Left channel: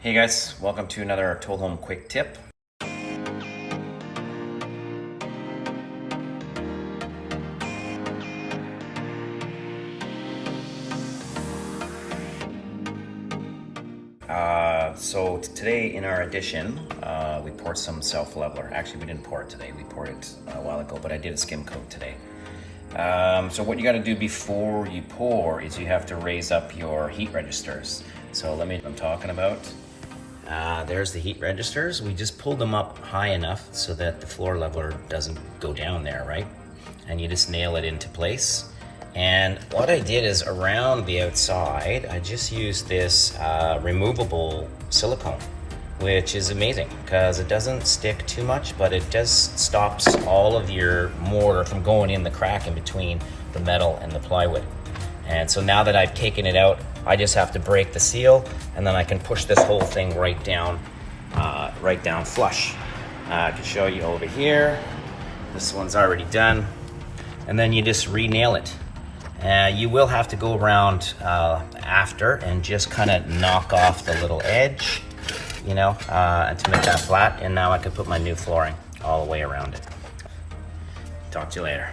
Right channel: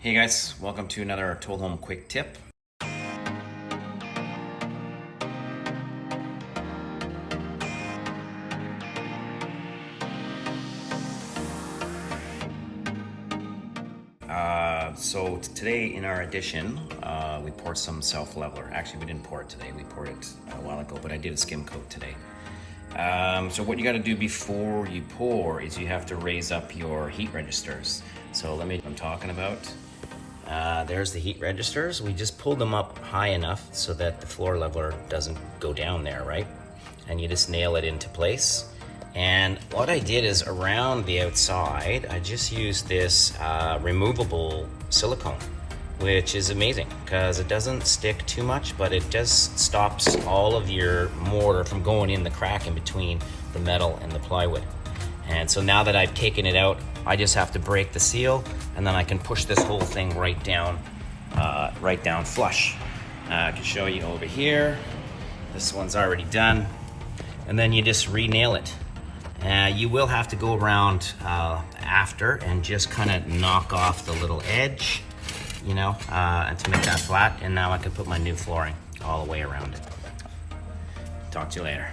Hey guys, welcome to another Toll Home Quick Tip. So today in our addition, we poured some self-leveler. Actually, we didn't pour it today. We poured it a while ago, but I did a skim coat today. So what you got to do before you pour is you have to raise up your heat registers. So let me, what I'm talking about. There's the heat registers. We just pulled them up high enough so that the floor leveler doesn't go down there, right? And you just nail it into place. And what I did is around the outside, I just used this removable silicone, which is amazing because it doesn't stick too much, but it just stops all of your mortar from going in the crack in between the metal and the plywood. And so now that I've taken it out, I just have to break the seal, and then I can push this whole thing right down flush. I can show you over here. This one's already done. And then you just re-nail it. You will have to go around after and just kind of knock off the little edge, you know, to make that flat. And now I can put my new flooring all the way around it. Talk to you later.